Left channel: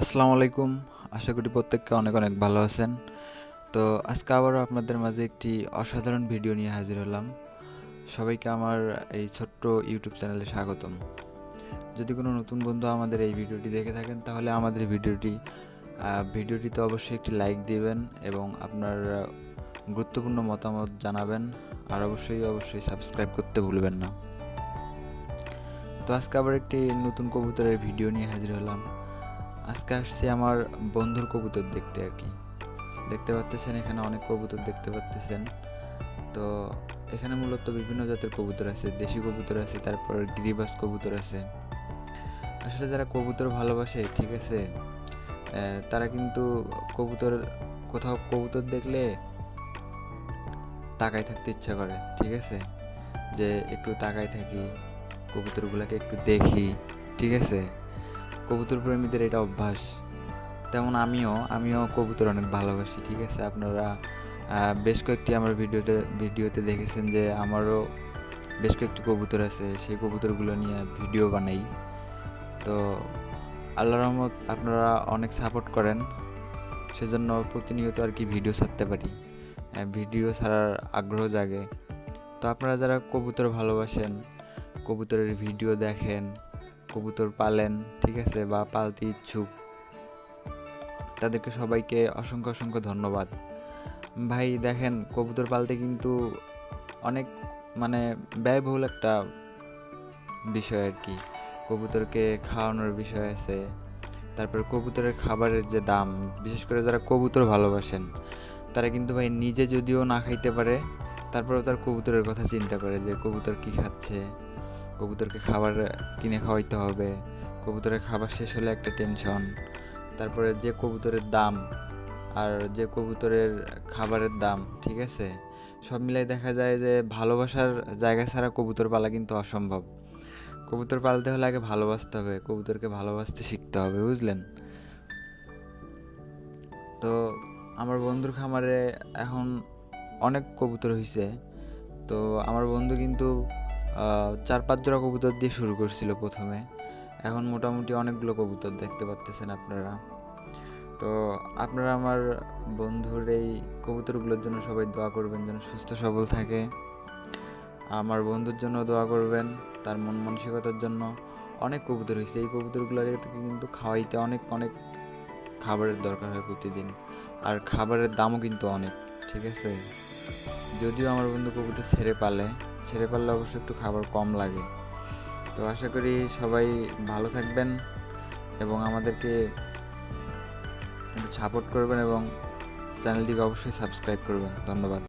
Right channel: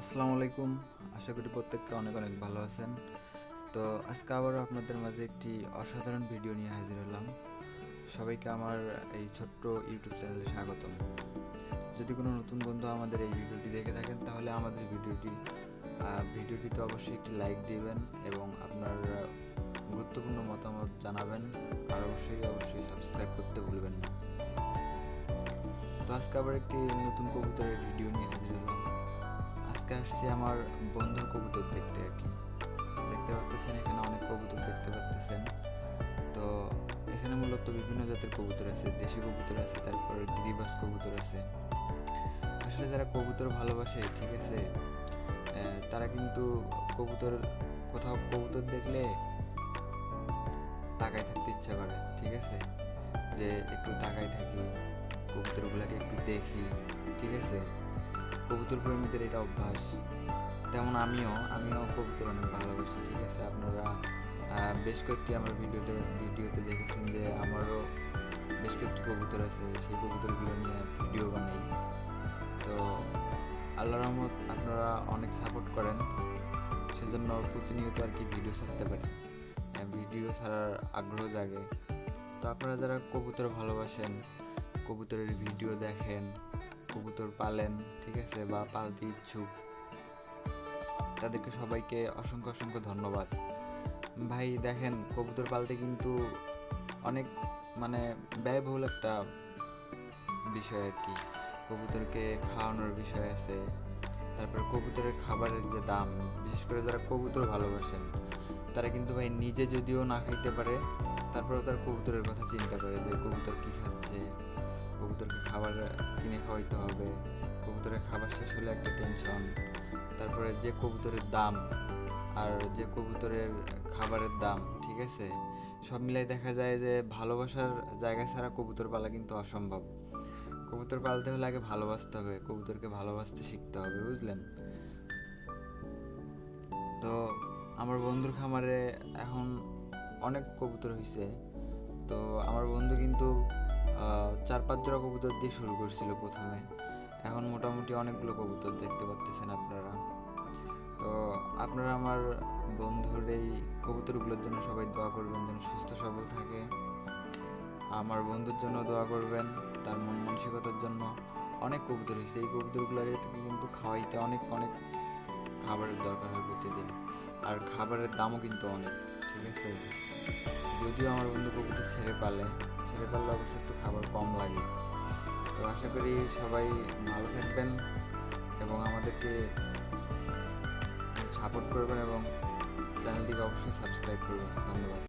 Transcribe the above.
আসসালামু আলাইকুম। আশা করি প্রত্যেককে অনেক অনেক ভালো আছেন। তো আজকে আবারও আপনাদের মাঝে একটি অসাধারণ ভিডিও নিয়ে হাজির হলাম। সবাইকে আমার এই ছোট্ট ইউটিউব চ্যানেলে স্বাগতম। যদি কোনো নতুন বন্ধু আমাদের এই ভিডিওটি দেখে থাকেন, তাহলে আমাদের ভিডিওটি ভিডিওটিতে অবশ্যই একটি লাইক দিবেন এবং আপনার গুরুত্বপূর্ণ মতামত জানাবেন। আর অবশ্যই অবশ্যই সাবস্ক্রাইব করতে ভুলবেন না। তো আজকে আবার একটি নতুন কবুতরের ভিডিও নিয়ে হাজির হলাম। আজকে আসছি আমার বন্ধুর কবুতর দেখতে আর কি। দেখতে পাচ্তেছেন, এখানে অনেক কবুতর দেখতে পাচ্তেছেন। তো এখানে মূলত বিভিন্ন জাতের কবুতর আছে, দেশি কবুতর আছে, তারপর গিরিবাস কবুতর আছে। আসলে যারা কবুতর ভালোবাসে, ঠিক আছে তারা কিন্তু কবুতর কোথাও কবুতর দেখলে তাকায় থাকতে ইচ্ছা করে, ঠিক আছে? যে একটু তাকায় থাকি, কবুতরগুলোকে একটু দেখি, ঠিক আছে? কবুতর প্রেমীদের এটা অভ্যাস। তেমন আমিও আমিও কবুতর অনেক ভালোবাসি, ঠিক আছে? আপনারা বেশ কয়েকটি আমার ভিডিওতে ভিডিওতে দেখেছেন যে আমারও বেশ কয়েকটি কবুতর আছে, সেই কবুতরগুলো নিয়ে ভিডিও বানাই। তো আল্লাহ রহমত আপনারা অনেক সাপোর্ট করেন, সেজন্য প্রতিনিয়ত আর কি ভিডিও ছাড়তে পারি। ভিডিও ছাড়ার আগ্রহ জাগে। তো আপনারা যারা কবুতর ভালোবাসেন, কবুতরের ভিডিও দেখেন কবুতর পালেন, ঠিক আছে, বা পালতে ইচ্ছুক। তাদেরকে সবাইকে অসংখ্য অসংখ্য ধন্যবাদ। ভাই, দেখেন, কবুতর পালতে কিন্তু অনেক মানে ব্যয়বহুল একটা বিষয় আর কি। কবুতরকে খাওয়ানোর বিষয় আছে। তারপর কবুতরের খাবারের যে দাম, বিশেষ করে যারা কবুতর ভালোবাসেন, তারা কিন্তু ভাই নিজে যদিও না খাইতে পারে, তারপরেও তার কবুতরের কথা চিন্তা করে যে কবুতর কী খাচ্ছে। কবুতরকে খাবার কিনে খাওয়াইতে হবে। কবুতরের খাবার শেষ হলে একটা টেনশন তারপরে যে কবুতরের দাম আর যে কবুতরের খাবারের দাম, ঠিক আছে? সব মিলাই দেখা যায় যে ভালোবাসার জায়গা ছাড়া কবুতর পালা কিন্তু অসম্ভব। কবুতর পালতে হলে আগে ভালোবাসতে হবে, কবুতরকে ভালোবাসতে শিখতে হবে, বুঝলেন? তো আমার বন্ধুর খামারে এখন অনেক কবুতর হয়েছে তো আমার বন্ধু কিন্তু চার পাঁচ জোড়া কবুতর দিয়ে শুরু করছিল প্রথমে। এখন মোটামুটি অনেকগুলো কবুতর দেখতে পাচ্তেছেন আপনারা। তো আপনারা আমার বন্ধুর এই কবুতরগুলোর জন্য সবাই দোয়া করবেন যেন সুস্থ, সবল থাকে। আমার বন্ধুর জন্য দোয়া করবেন, তার মন মানসিকতার জন্য অনেক কবুতর হয়েছে। এই কবুতরগুলোকে কিন্তু খাওয়াইতে অনেক অনেক খাবারের দরকার হয় প্রতিদিন। আর খাবারের দামও কিন্তু অনেক, ঠিক আছে? যদিও আমার বন্ধু কবুতর ছেড়ে পালে। ছেড়ে পারলে অবশ্য একটু খাবার কম লাগে। তো আশা করি সবাই ভালো থাকবেন এবং আমাদেরকে সাপোর্ট করবেন এবং চ্যানেলটিকে অবশ্যই সাবস্ক্রাইব করবেন। ধন্যবাদ।